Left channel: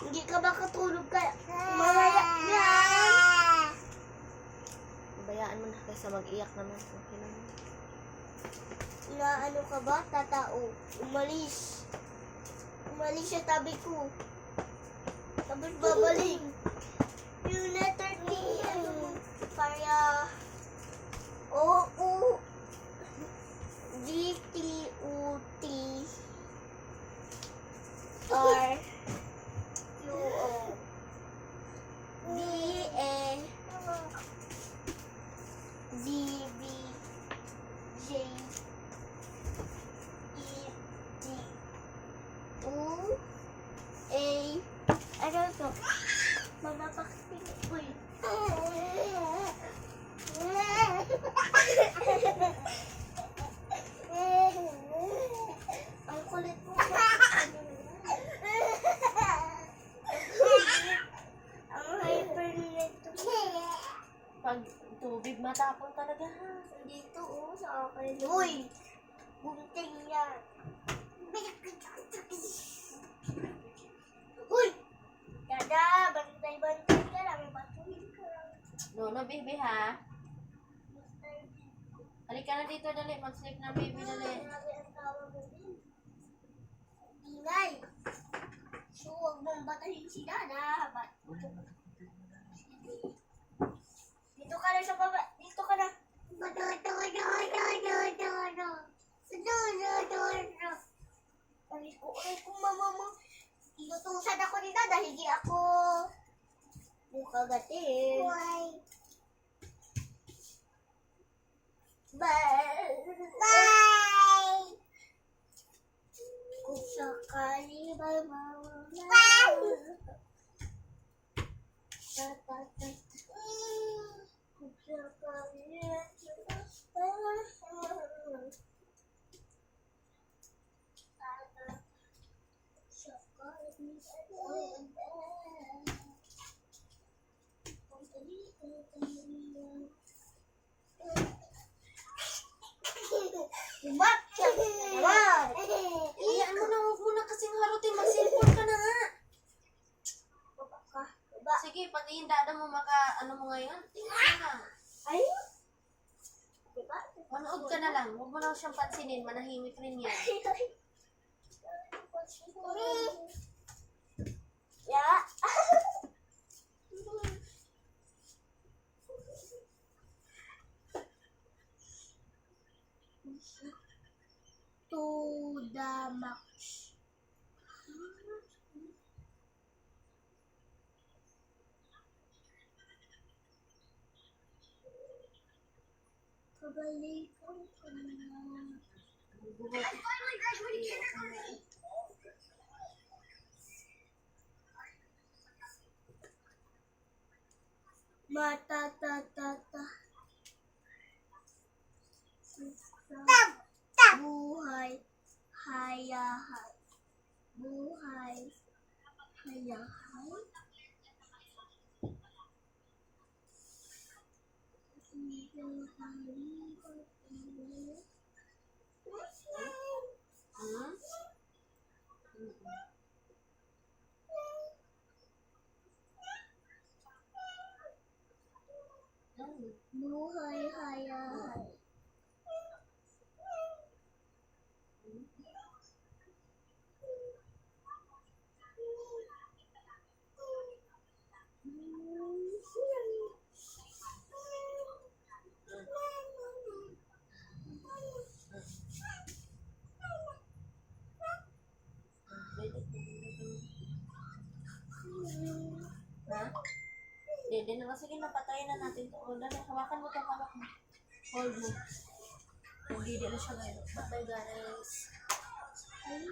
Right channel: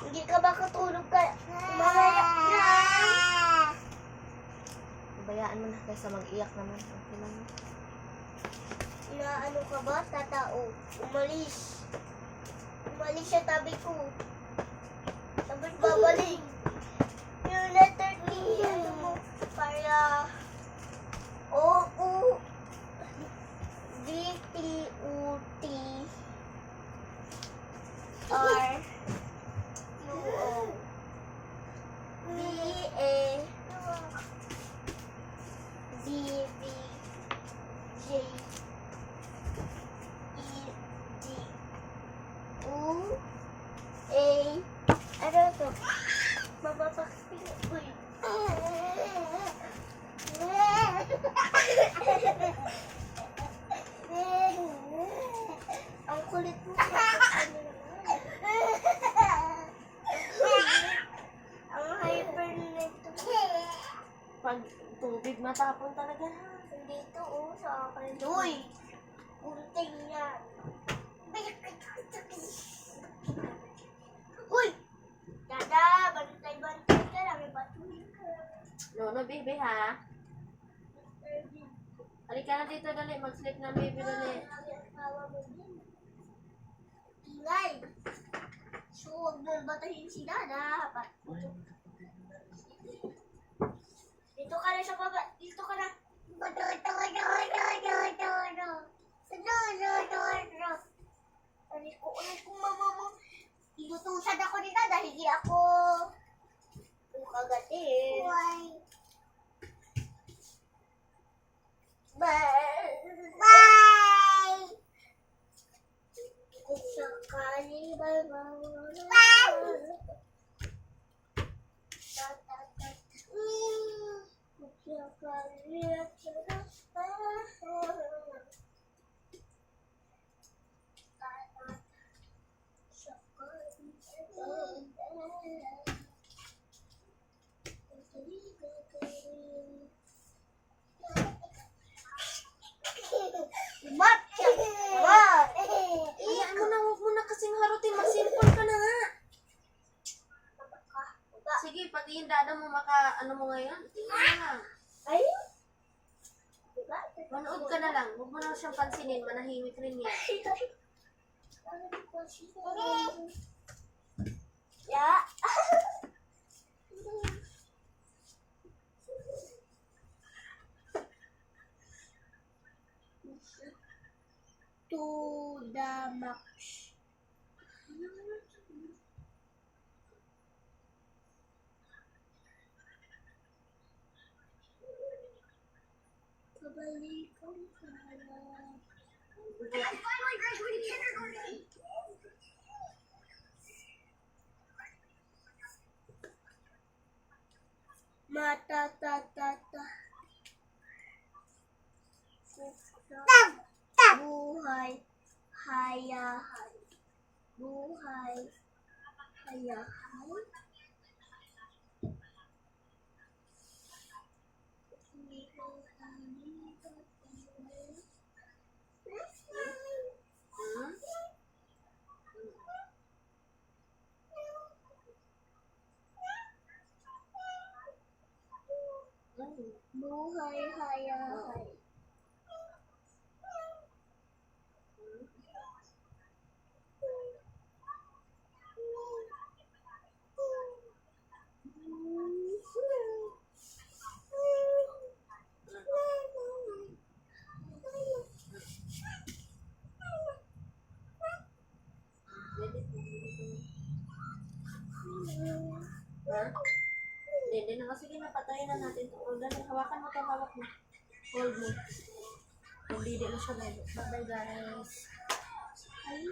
Hindi ka ba katulog ka? Mamaya yan. Bayaan mo na kaysa mag-iyak naman. Okay lang. Inaano ka ba, tatao? Umalis. Umalis sa tabi ko. Tapos babalik. Yung letter T, ano mo? Kaya, O-U, G-T-U-T, R-U-O, B-A, Z-B-J, E-D, U-A, ano ito? Mamapaksing. Uy. Ang kulit mo. Ang hyper nito. Pag tubig, matapang talaga ha. Dito, oh, sa akin. Uy! Gunting yan. Uy! Dada, bantay-bantay ka lang. May batuhin ka lang. No, baby ha. Mr. Bean. Halika na dito, dali. Mag-sleep na, baby, dali. Ang tawa mo din. Ingay. So, huwag mong batahin si Dada. Dito ka na sa baba. Dito ka na. Alis ko, mama mo. Inutusan ako ni Dada. Hindi ako kagatin. Why? Bye! Kung sakali ba mawala. Kung sakali at Umat! Umat! Iyaan mo na, huwag mo na kasing harutin. Mag-cellphone ka na nga. Baba. Sige, pag yung dada mo ano mo ngayon, tingnan mo na. Ay! Diba? Manood ka na lang. Huwag mo na siyang pansinin. Manahimik rin yan. Ya. To the max. Kabalikan ka na. Mata ta ta ta. Buhay hayahay. Buhay hayahay. Hmm? Buhay hayahay. Ha? Hindi na. Sige, napatayin na natin ito. Dali, hawakan mo ito, hawak mo. Hold mo. Hindi na siya ngayon. Bye guys. Ay.